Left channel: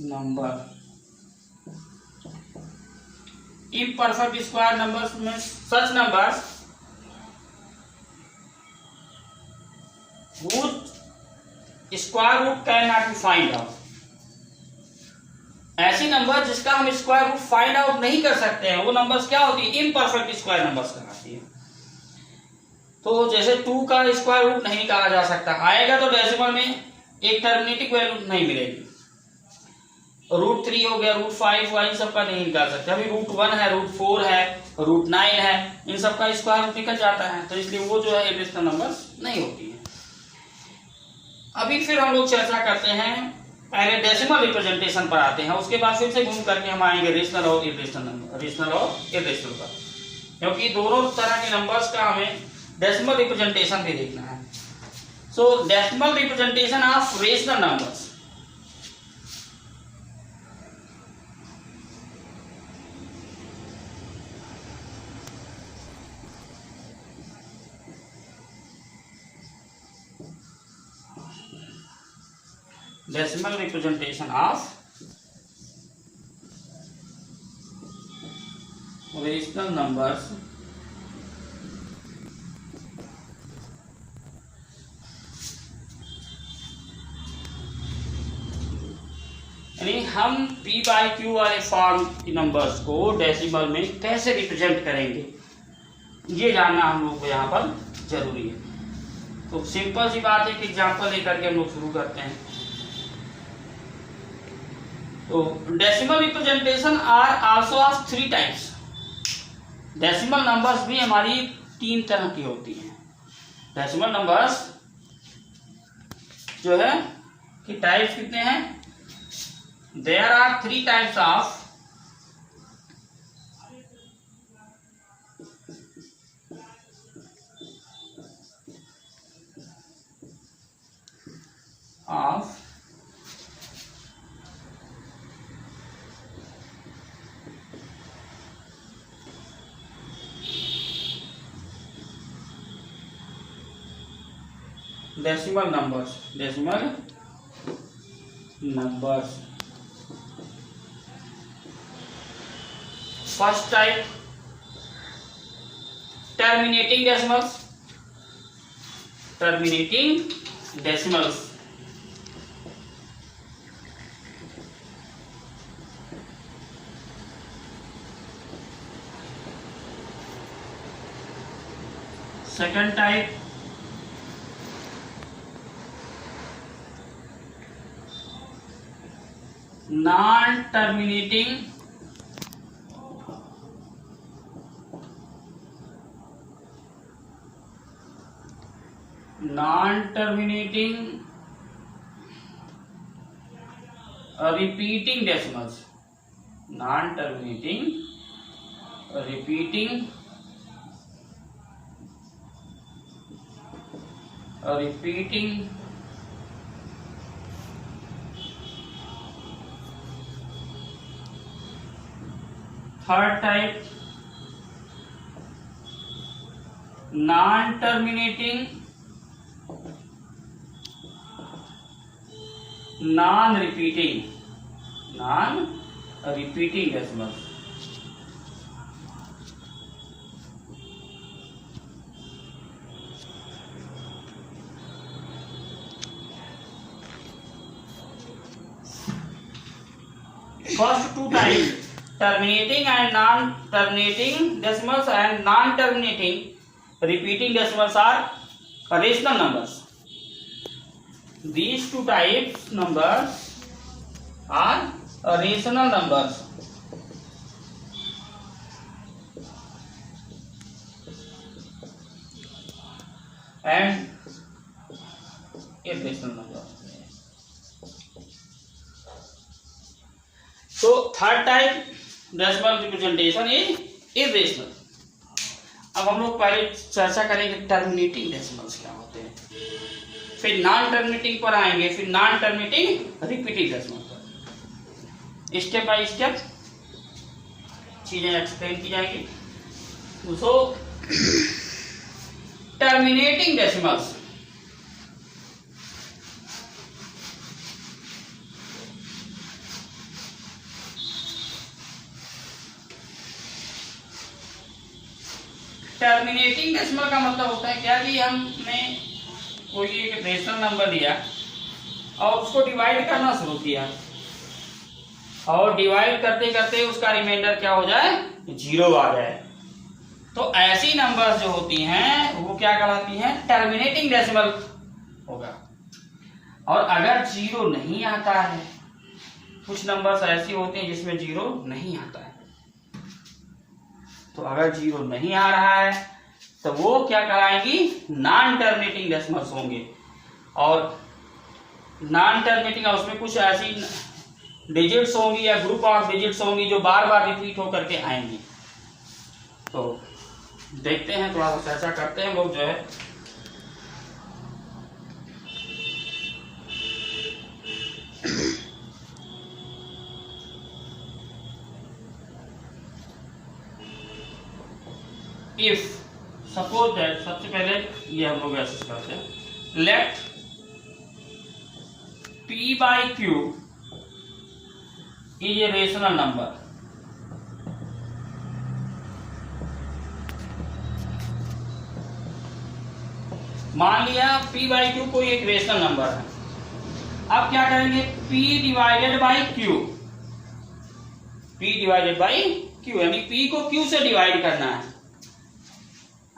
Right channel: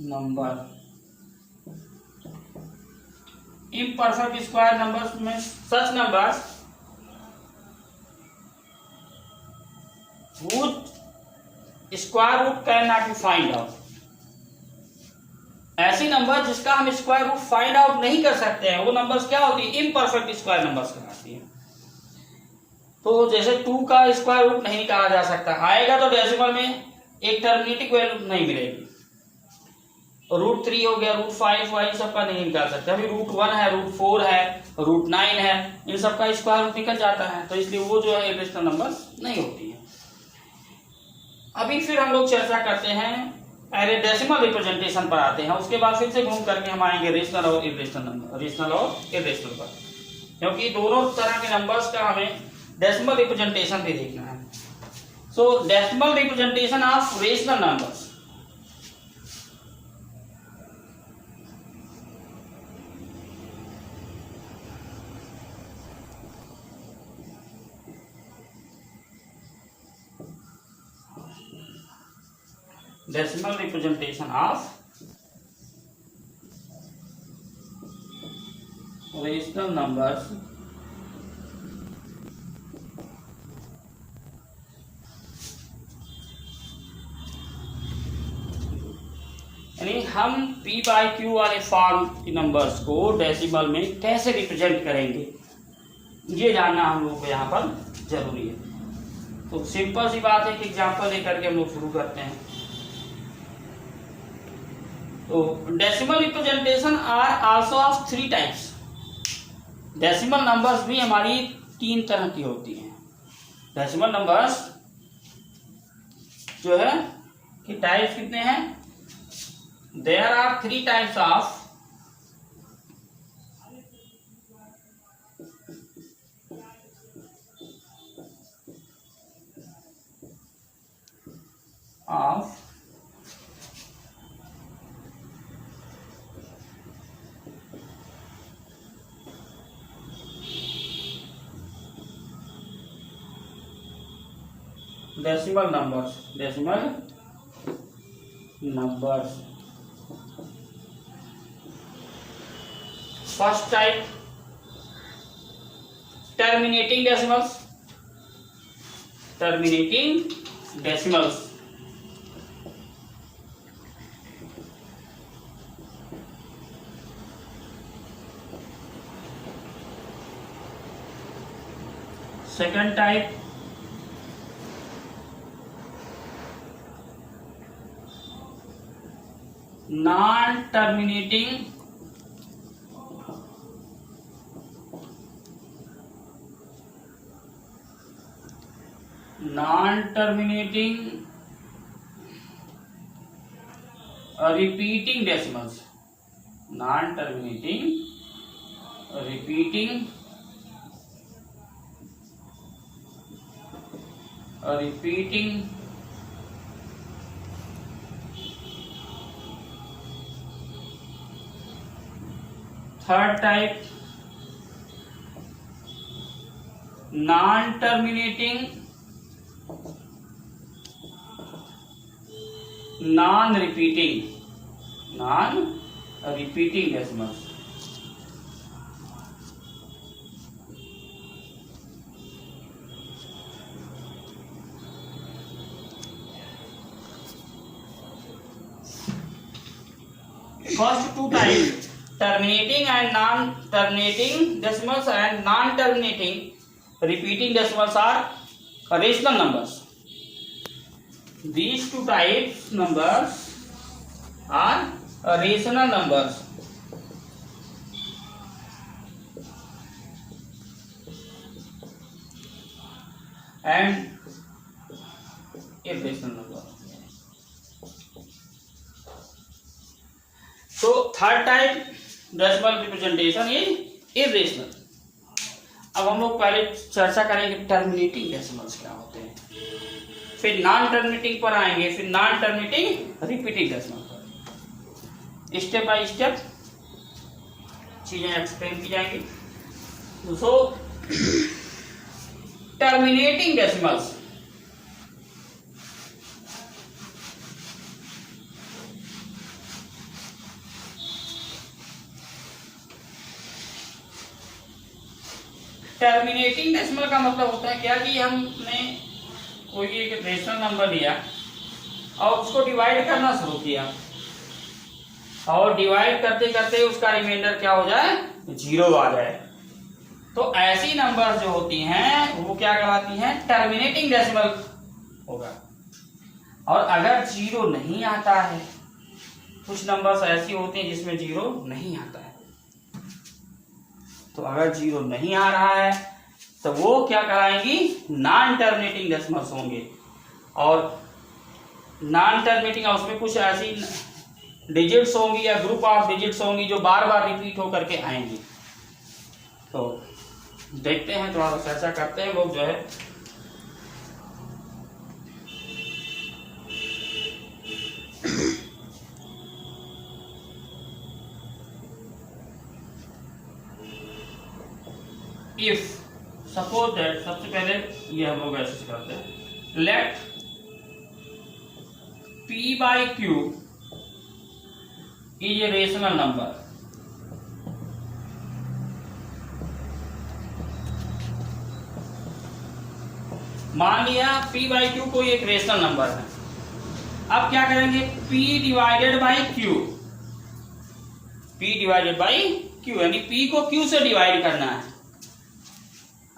Number. Imperfect square numbers में such numbers whose square root can not be find out. ऐसी number जिसका हम square root find out नहीं कर सकते हैं वो नंबर्स क्या होती है, इम्परफेक्ट स्क्वायर नंबर्स कहलाती है। तो जैसे 2 का स्क्वायर रूट नहीं कहा जा सकता, आएगा तो डेसिमल में एक टर्मिनेटिंग वैल्यू नहीं मिलेगी। √3 हो गया, √5 वाई सबका नहीं निकाल सकते। अभी √1 है, √4 है, √9 है, इन सबका स्क्वायर रूट निकल जाता है, तो इसलिए वो जो है इरेशनल नंबर नहीं होती है। अभी फिर हम लोग चर्चा करते हैं, पहले डेसिमल रिप्रेजेंटेशन पर आते हैं, उसके बाद फिर से घूम करके हम आएंगे रेशनल और इरेशनल नंबर, रेशनल और इरेशनल पर, क्योंकि दोनों तरह के नंबर्स का हमें डेसिमल रिप्रेजेंटेशन भी देखना है। सो decimal representation of rational numbers. Decimal representation of rational numbers यानी हम P/Q वाले फॉर्म की नंबर्स को डेसिमल में कैसे रिप्रेजेंट करेंगे, ये जानना हम लोग को यहाँ पर जरूरी है। तो सिंपल सी बात है कि एग्जांपल लेकर के हम लोग शुरू करते हैं। तो decimal representation are also of 3 types. Decimal numbers भी हमारी 3 तरह की होती हैं। डेसिमल नंबर्स जो है कि टाइप्स कितने हैं, there are 3 types of decimal numbers. Decimal numbers first type terminating decimals. Terminating decimals second type non terminating repeating decimals। non terminating repeating third type non terminating non repeating decimals. First 2 types terminating and non-terminating decimals and non-terminating repeating decimals are rational numbers. These 2 types numbers are rational numbers. And irrational numbers. So third type decimal representation is irrational. अब हम लोग पहले चर्चा करेंगे terminating decimals क्या होते हैं, फिर नॉन टर्मिनेटिंग पर आएंगे, फिर नॉन टर्मिनेटिंग रिपीटिंग डेसिमल पर। स्टेप बाय स्टेप चीजें एक्सप्लेन की जाएंगी। सो टर्मिनेटिंग डेसिमल्स टर्मिनेटिंग डेसिमल का मतलब होता है क्या कि हमने कोई एक रेशनल नंबर लिया और उसको डिवाइड करना शुरू किया और डिवाइड करते करते उसका रिमाइंडर क्या हो जाए, 0 आ जाए। तो ऐसी नंबर्स जो होती हैं वो क्या कहलाती हैं, टर्मिनेटिंग डेसिमल होगा। और अगर 0 नहीं आता है, कुछ नंबर्स ऐसी होती हैं जिसमें 0 नहीं आता है, तो अगर 0 नहीं आ रहा है तो वो क्या कहलाएंगी, नॉन टर्मिनेटिंग डेसिमल्स होंगे। और नॉन टर्मिनेटिंग, उसमें कुछ ऐसी डिजिट्स होंगी या ग्रुप ऑफ डिजिट्स होंगी जो बार बार रिपीट होकर के आएंगी। तो देखते हैं, थोड़ा सा चर्चा करते हैं लोग जो है। इफ सपोज दैट, सबसे पहले ये हम लोग ऐसे करते हैं, let p by q is a rational number. मान लिया p by q कोई एक रेशनल नंबर है। अब क्या करेंगे, p divided by q, p divided by q, यानी p को q से डिवाइड करना है।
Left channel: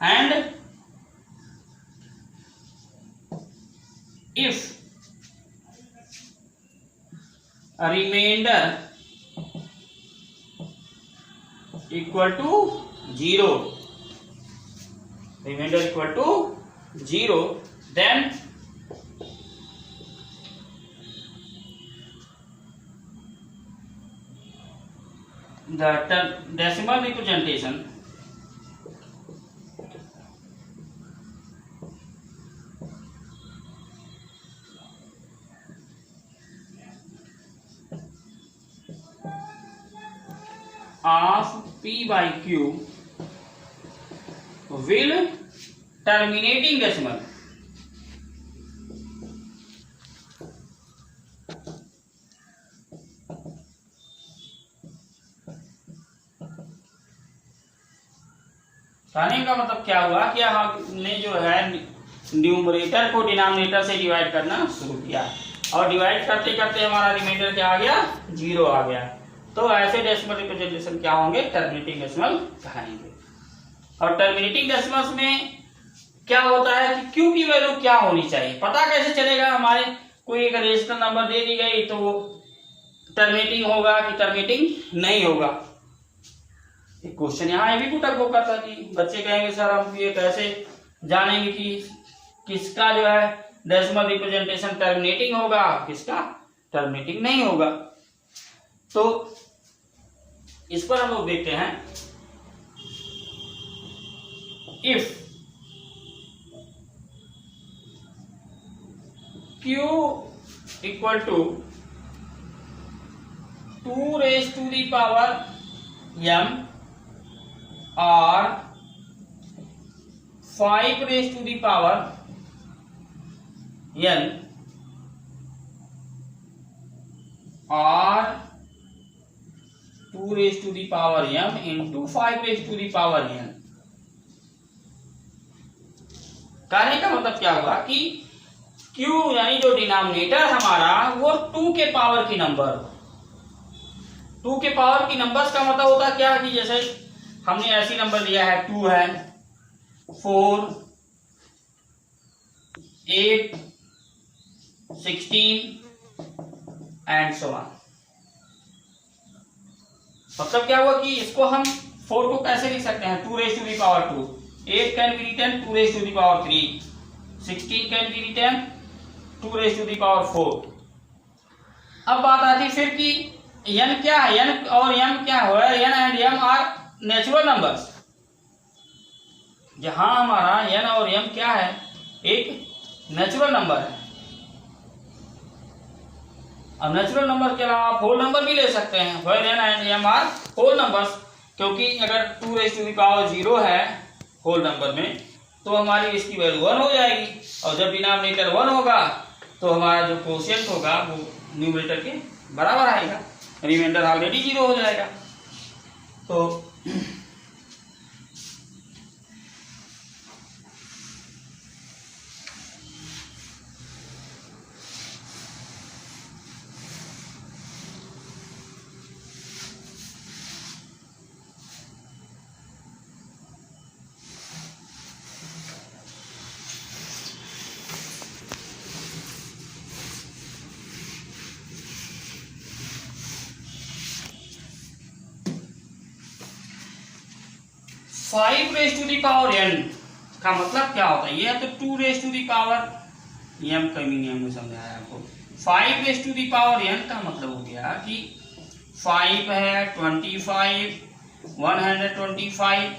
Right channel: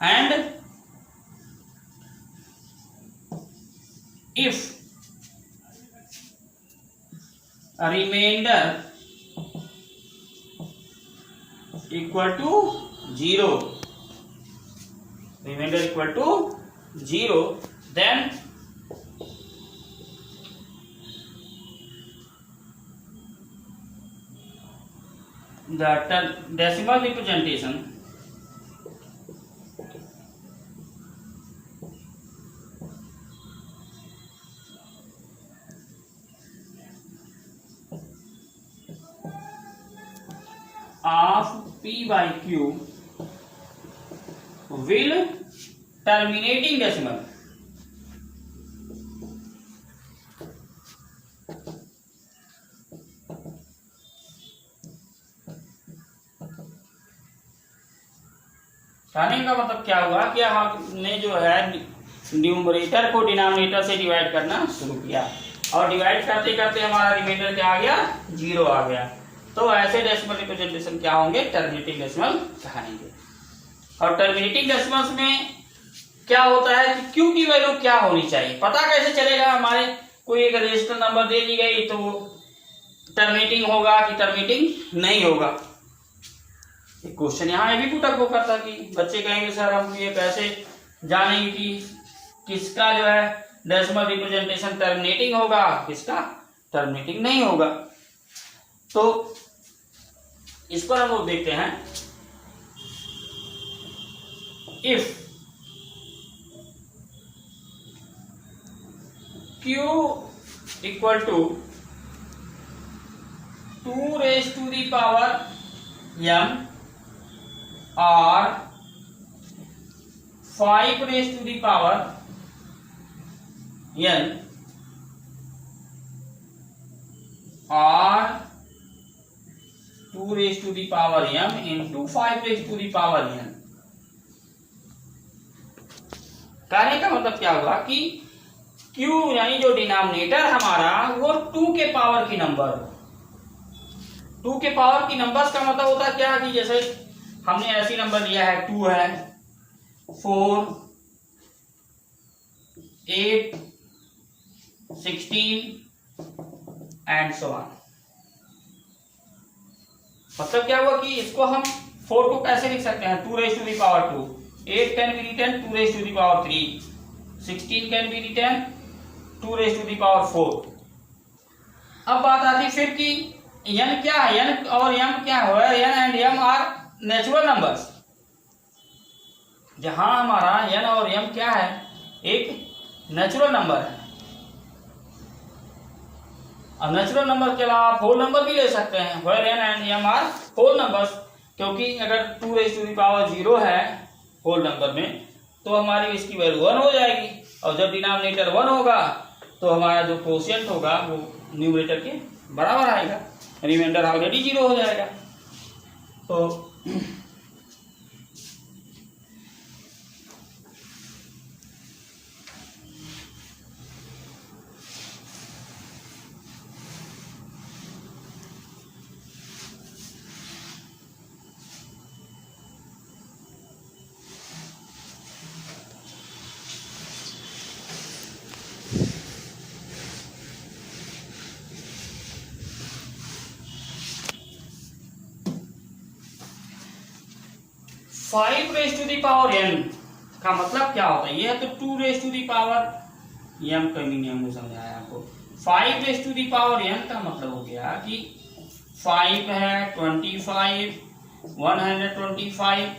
And if remainder equal to 0, remainder equal to 0, then the decimal representation of p by q will terminating decimal कहने का मतलब क्या हुआ कि हमने जो है न्यूमरेटर को डिनोमिनेटर से डिवाइड करना शुरू किया और डिवाइड करते करते हमारा रिमाइंडर क्या आ गया, 0 आ गया। तो ऐसे डेसिमल रिप्रेजेंटेशन क्या होंगे, टर्मिनेटिंग डेसिमल कहेंगे। और टर्मिनेटिंग डेसिमल्स में क्या होता है कि क्यू की वैल्यू क्या होनी चाहिए, पता कैसे चलेगा। हमारे कोई एक रेशनल नंबर दे दी गई तो वो टर्मिनेटिंग होगा कि टर्मिनेटिंग नहीं होगा। एक क्वेश्चन यहाँ ये भी पुट अप होता था कि बच्चे कहेंगे सर हम ये कैसे जानेंगे कि किसका जो है डेसिमल रिप्रेजेंटेशन टर्मिनेटिंग होगा, किसका टर्मिनेटिंग नहीं होगा। तो इस पर हम लोग देखते हैं, if q equal to 2 raised to the power m or 5 raised to the power n or 2 raised to the power m into 5 raised to the power n। कहने का मतलब क्या हुआ कि q यानी जो डिनोमिनेटर हमारा वो 2 के पावर की नंबर हो। 2 के पावर की नंबर्स का मतलब होता है क्या कि जैसे हमने ऐसी नंबर दिया है, 2 है, 4, 8, 16 एंड सो ऑन। मतलब क्या हुआ कि इसको हम 4 को कैसे लिख सकते हैं, 2 raised to the power 2, 8 can be written 2 raised to the power 3, 16 can be written 2 raised to the power 4। अब बात आती है फिर कि n क्या है, n और m क्या है, n and m are natural numbers. जहां हमारा n और m क्या है, एक नेचुरल नंबर है। अब नेचुरल नंबर के अलावा आप होल नंबर भी ले सकते हैं, where n and m are whole numbers. क्योंकि अगर 2 raised to the power 0 है होल नंबर में तो हमारी इसकी वैल्यू 1 हो जाएगी, और जब डिनोमिनेटर 1 होगा तो हमारा जो कोशिएंट होगा वो न्यूमरेटर के बराबर आएगा, रिमाइंडर ऑलरेडी 0 हो जाएगा। तो 5 raise to the power n का मतलब क्या होता है? ये तो 2 रेज टू दी पावर, ये हम कमी नियम में समझाया आपको। 5 raise to the power n का मतलब हो गया कि 5 है, 25, 125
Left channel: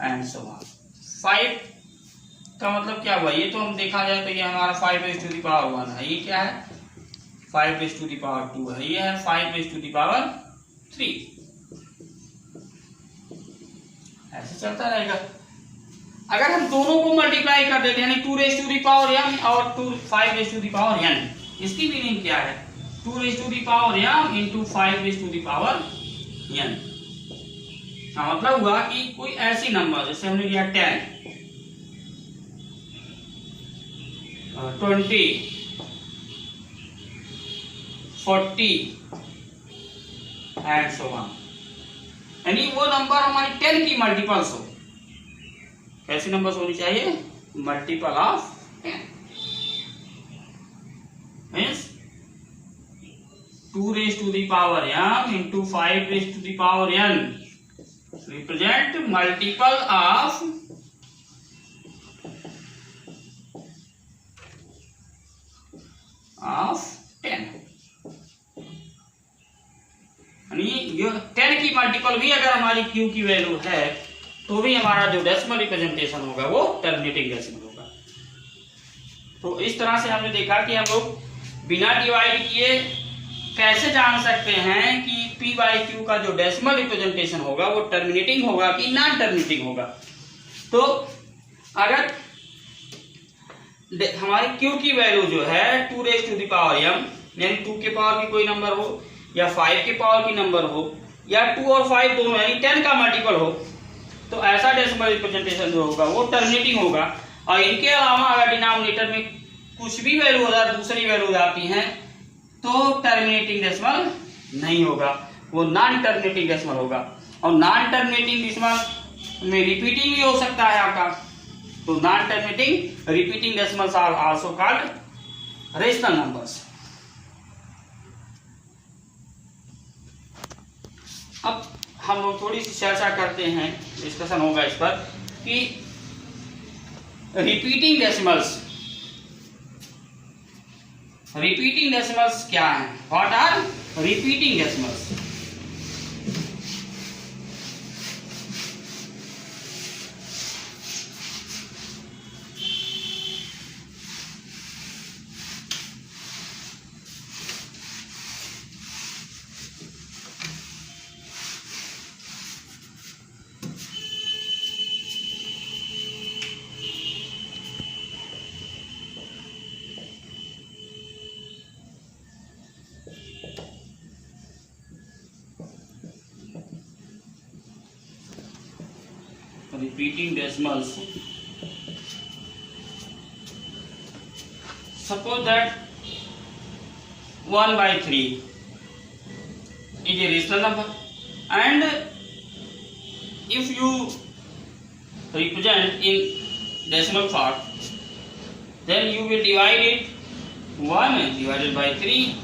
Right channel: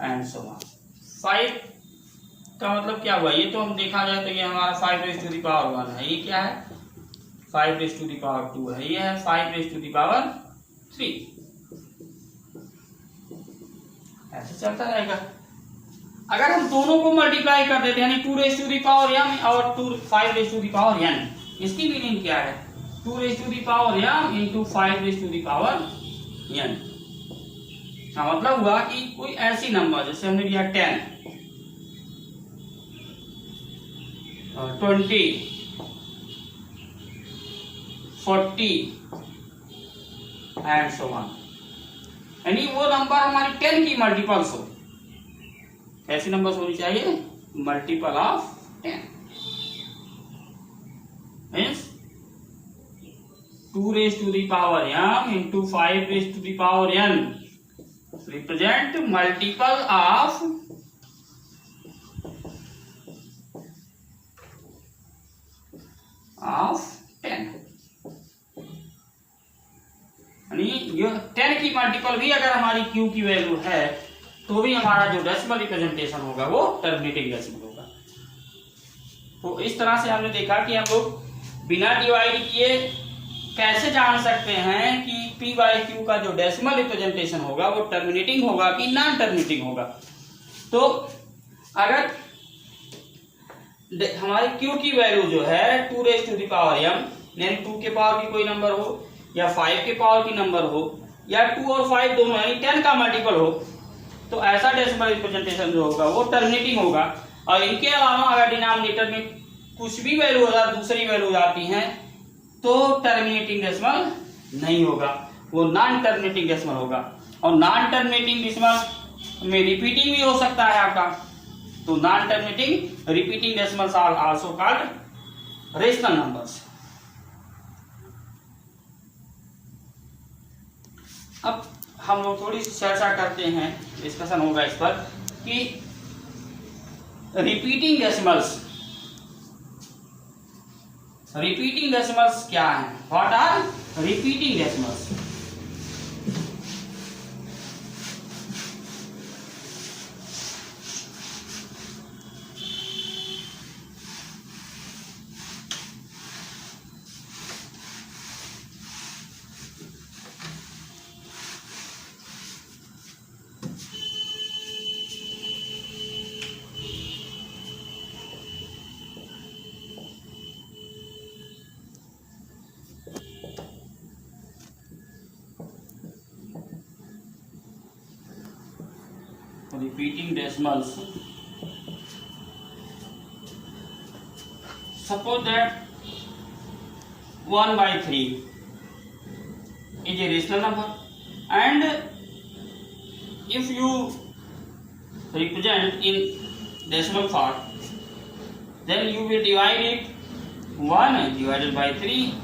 एंड सो ऑन। 5 का मतलब क्या हुआ? ये तो हम देखा जाए तो ये हमारा 5 रेज टू दी पावर 1 है। ये क्या है? 5 रेज टू दी पावर 2 है। ये है 5 रेज टू दी पावर 3। ऐसे चलता रहेगा। अगर हम दोनों को मल्टीप्लाई कर देते हैं, यानी 2 raise to the power m और 5 raise to the power n, इसकी मीनिंग क्या है? 2 raise to the power m into 5 raise to the power n का मतलब हुआ कि कोई ऐसी नंबर, जैसे हमने लिया 10, 20, 40 एंड सो ऑन, यानी वो नंबर हमारी 10 की मल्टीपल्स हो। कैसी नंबर्स होनी चाहिए? Multiple of 10 means 2 raise to the power m into 5 raise to the power n represent multiple of of 10, यानी ये 10 की मल्टीपल भी अगर हमारी q की वैल्यू है तो भी हमारा जो डेसिमल रिप्रेजेंटेशन होगा वो टर्मिनेटिंग डेसिमल होगा। तो इस तरह से हमने देखा कि हम लोग बिना डिवाइड किए कैसे जान सकते हैं कि p बाई क्यू का जो डेसिमल रिप्रेजेंटेशन होगा वो टर्मिनेटिंग होगा कि नॉन टर्मिनेटिंग होगा। तो अगर हमारी q की वैल्यू जो है 2 raise to the power m, यानी 2 के पावर की कोई नंबर हो या 5 के पावर की नंबर हो या 2 और 5 दोनों यानी 10 का मल्टीपल हो, तो ऐसा डेसिमल रिप्रेजेंटेशन जो होगा वो टर्मिनेटिंग होगा। और इनके अलावा अगर डिनोमिनेटर में कुछ भी वैल्यू दूसरी वैल्यू आती हैं तो टर्मिनेटिंग डेसिमल नहीं होगा, वो नॉन टर्मिनेटिंग डेसिमल होगा। और नॉन टर्मिनेटिंग डेसिमल में रिपीटिंग भी हो सकता है आपका, तो non terminating repeating decimals are also called rational numbers. अब हम लोग थोड़ी सी चर्चा करते हैं, डिस्कशन होगा इस पर कि रिपीटिंग डेसिमल्स क्या हैं? What are repeating decimals? Repeating decimals. Suppose that 1 by 3 is a rational number, and if you represent in decimal part, then you will divide it 1 divided by 3.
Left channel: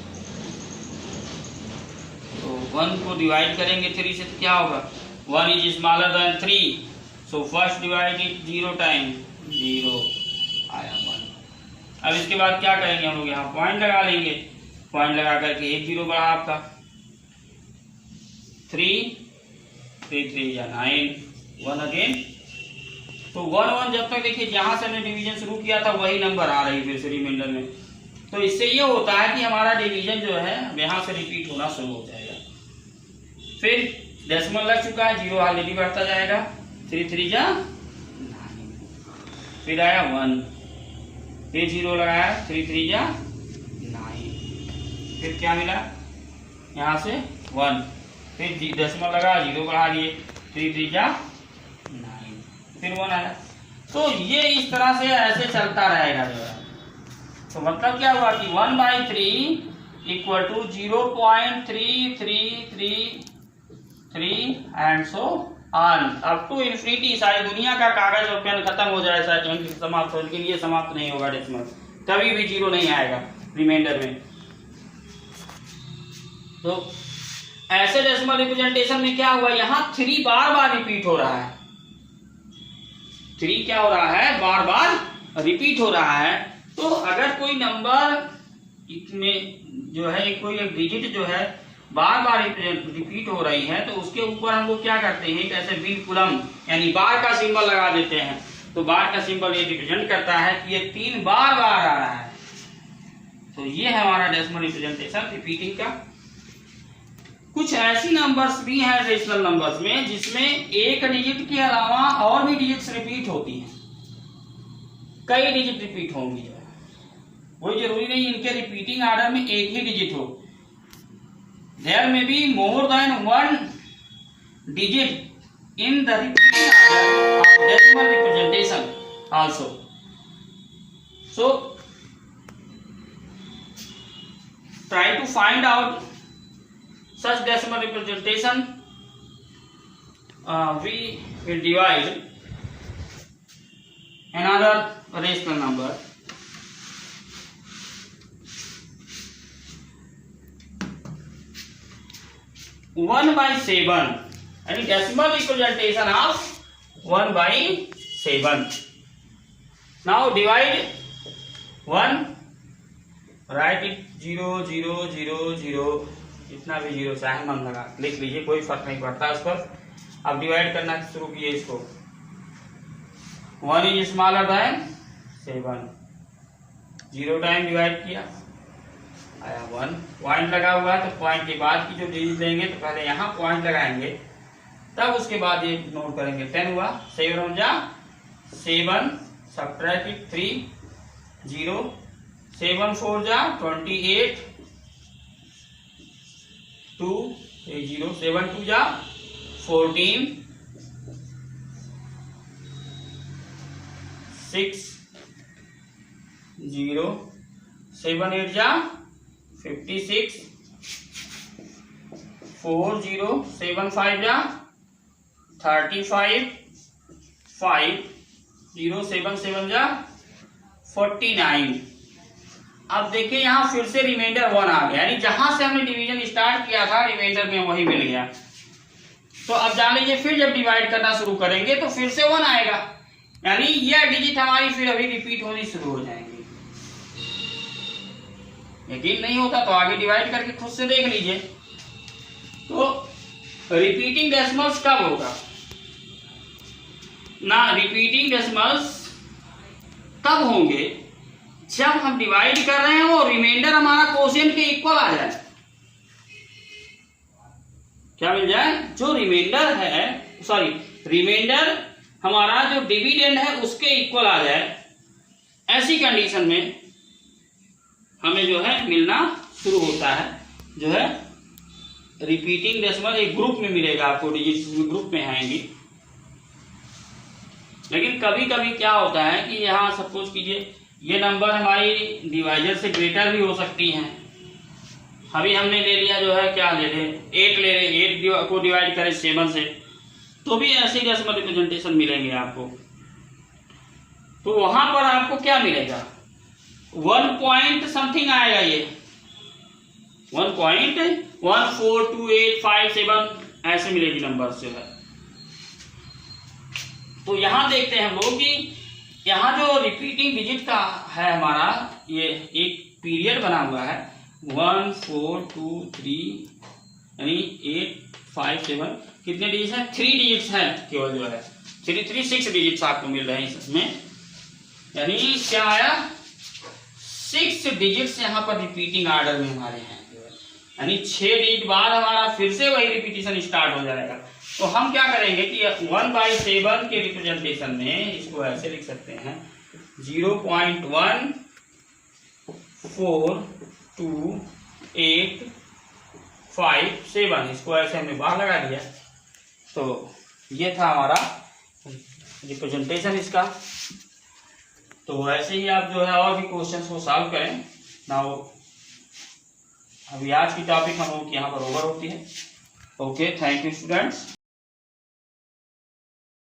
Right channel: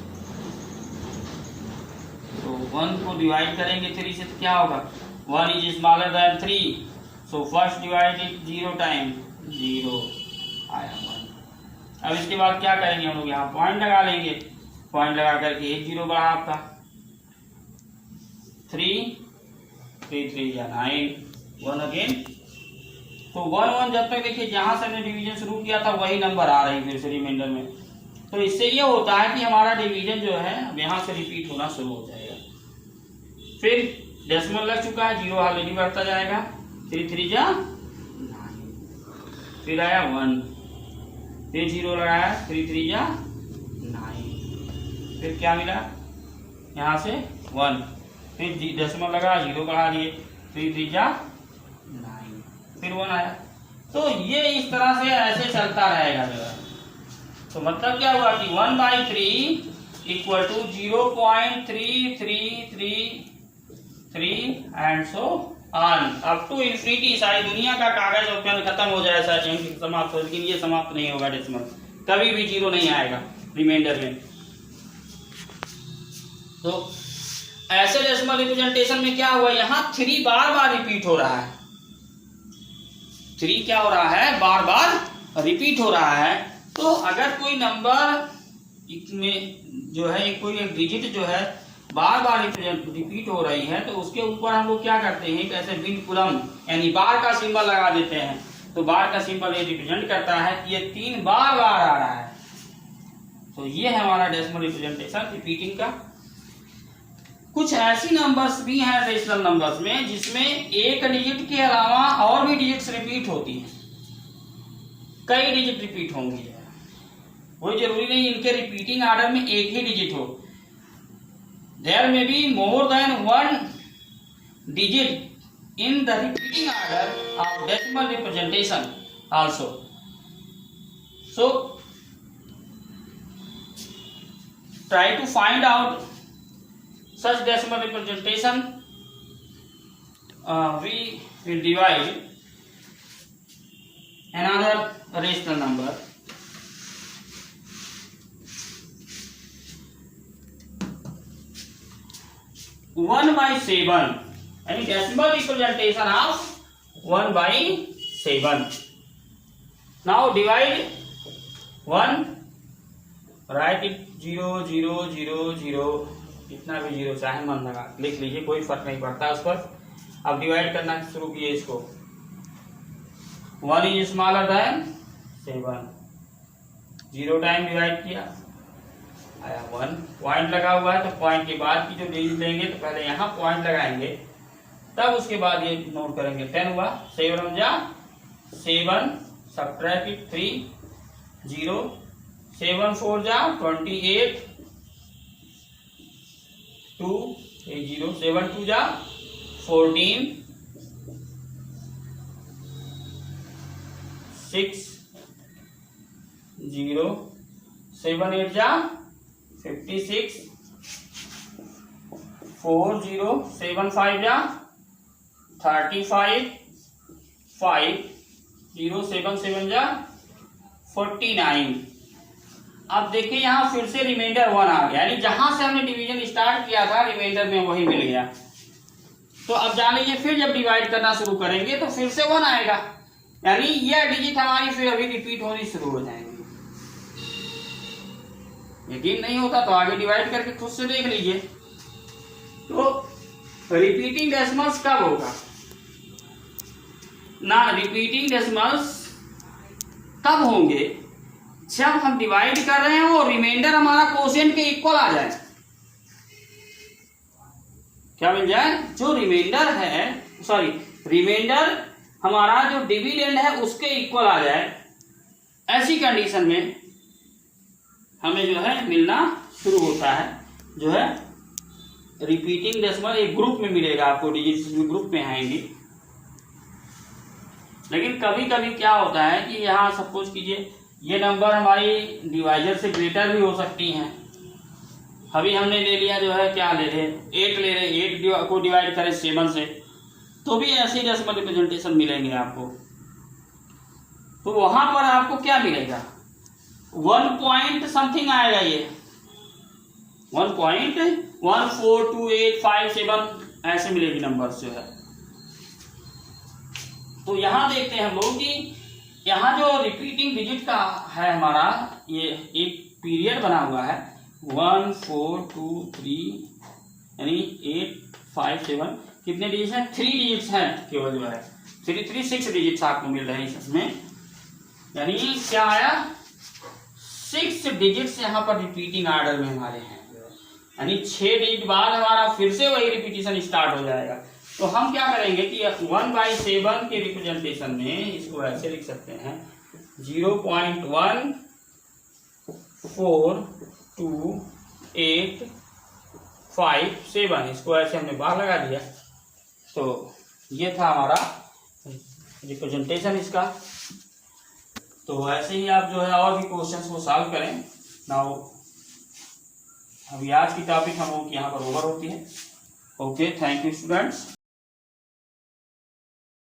तो 1 को डिवाइड करेंगे 3 से तो क्या होगा? 1 is smaller than 3. So first divide it 0 time 0 आया 1। अब इसके बाद क्या करेंगे हम लोग? यहाँ पॉइंट लगा लेंगे, पॉइंट लगा करके एक 0 बढ़ा आपका 3 3 या 9 1 अगेन। तो 1 1 जब तक देखिए जहां से हमने डिवीजन शुरू किया था वही नंबर आ रही फिर से रिमाइंडर में। तो इससे ये होता है कि हमारा डिवीजन जो है यहाँ से रिपीट होना शुरू हो जाएगा। फिर डेसिमल लग चुका है, 0 ऑलरेडी बढ़ता जाएगा, 3 3 जा 9, फिर आया 1, फिर 0 लगाया 3 3 जा 9, फिर क्या मिला यहाँ से 1, फिर डेसिमल लगा 0 बढ़ा दिए 3 3 जा 9, फिर 1 आया। तो ये इस तरह से ऐसे चलता रहेगा जो है। तो मतलब क्या हुआ कि 1 by 3 equal to 0.3333 and so on up to infinity. सारी दुनिया का कागज और पेन खत्म हो जाए, सारे समाप्त हो, लेकिन ये समाप्त नहीं होगा डेसिमल, कभी भी 0 नहीं आएगा रिमाइंडर में। तो ऐसे डेसिमल रिप्रेजेंटेशन में क्या हुआ, यहाँ 3 बार बार रिपीट हो रहा है। 3 क्या हो रहा है, बार बार रिपीट हो रहा है। तो अगर कोई नंबर में जो है कोई एक डिजिट जो है बार बार रिपीट हो रही है, तो उसके ऊपर हम लोग क्या करते हैं, ऐसे विनकुलम यानी बार का सिंबल लगा देते हैं। तो बार का सिंबल ये रिप्रेजेंट करता है कि ये 3 बार बार आ रहा है। तो ये है हमारा डेसिमल रिप्रेजेंटेशन रिपीटिंग का। कुछ ऐसी नंबर्स भी हैं रेशनल नंबर्स में जिसमें एक डिजिट के अलावा और भी डिजिट्स रिपीट होती हैं, कई डिजिट रिपीट होंगी। कोई जरूरी नहीं इनके रिपीटिंग ऑर्डर में एक ही डिजिट हो। There may be more than 1 digit in the repeating order of decimal representation also. So try to find out such decimal representation. We will divide another rational number. 1/7 यानी decimal representation of 1/7. Now divide 1, write it 0 0 0 0, इतना भी 0 चाहे मन लगा लिख लीजिए, कोई फर्क नहीं पड़ता उस पर। अब डिवाइड करना शुरू किए इसको। 1 is smaller than 7, 0 time divide किया आया 1। पॉइंट लगा हुआ है तो पॉइंट के बाद की जो डिजिट लेंगे तो पहले यहाँ पॉइंट लगाएंगे, तब उसके बाद ये नोट करेंगे। 10 हुआ, 7 जा 7, सब्ट्रैक्ट 3 0, 7 4 जा 28 2 0, 7 2 जा 14 6 0, 7 8 जा 56 4 0, 7 5 जा 35 5 0, 7 7 जा 49। अब देखिए यहाँ फिर से रिमाइंडर 1 आ गया, यानी जहां से हमने डिवीजन स्टार्ट किया था रिमाइंडर में वही मिल गया। तो अब जान लीजिए फिर जब डिवाइड करना शुरू करेंगे तो फिर से 1 आएगा, यानी यह डिजिट हमारी फिर अभी रिपीट होनी शुरू हो जाएंगी। यकीन नहीं होता तो आगे डिवाइड करके खुद से देख लीजिए। तो रिपीटिंग डेसिमल्स कब होगा ना, रिपीटिंग डेसिमल्स तब होंगे जब हम डिवाइड कर रहे हैं वो रिमाइंडर हमारा कोशेंट के इक्वल आ जाए। क्या मिल जाए, जो रिमाइंडर है, सॉरी रिमाइंडर हमारा जो डिविडेंड है उसके इक्वल आ जाए। ऐसी कंडीशन में हमें जो है मिलना शुरू होता है, जो है रिपीटिंग डेसिमल एक ग्रुप में मिलेगा आपको, डिजिट ग्रुप में आएंगी। लेकिन कभी कभी क्या होता है कि यहाँ सपोज कीजिए ये नंबर हमारी डिवाइजर से ग्रेटर भी हो सकती हैं। अभी हमने ले लिया जो है, क्या ले रहे 8 ले रहे, 8 को डिवाइड करें 7 से, तो भी ऐसे डेसिमल रिप्रेजेंटेशन मिलेंगे आपको। तो वहां पर आपको क्या मिलेगा, 1 पॉइंट समथिंग आएगा, ये 1.142857 ऐसे मिलेगी नंबर जो है। तो यहां देखते हैं हम लोग कि यहाँ जो रिपीटिंग डिजिट का है हमारा, ये एक पीरियड बना हुआ है 1 4 2 3 यानी 8 5 7, कितने डिजिट हैं, 3 डिजिट्स हैं केवल जो है, 3 3 6 डिजिट्स आपको मिल रहे हैं इसमें। यानी क्या आया, 6 डिजिट्स यहाँ पर रिपीटिंग ऑर्डर में हमारे हैं, यानी 6 डिजिट बाद हमारा फिर से वही रिपीटिशन स्टार्ट हो जाएगा। तो हम क्या करेंगे कि 1/7 के रिप्रेजेंटेशन में इसको ऐसे लिख सकते हैं 0.142857, इसको ऐसे हमने बाहर लगा दिया। तो ये था हमारा रिप्रेजेंटेशन इसका। तो ऐसे ही आप जो है और भी क्वेश्चंस को सॉल्व करें। नाउ अभी आज की टॉपिक हम लोग यहाँ पर ओवर होती है। Okay, thank you students.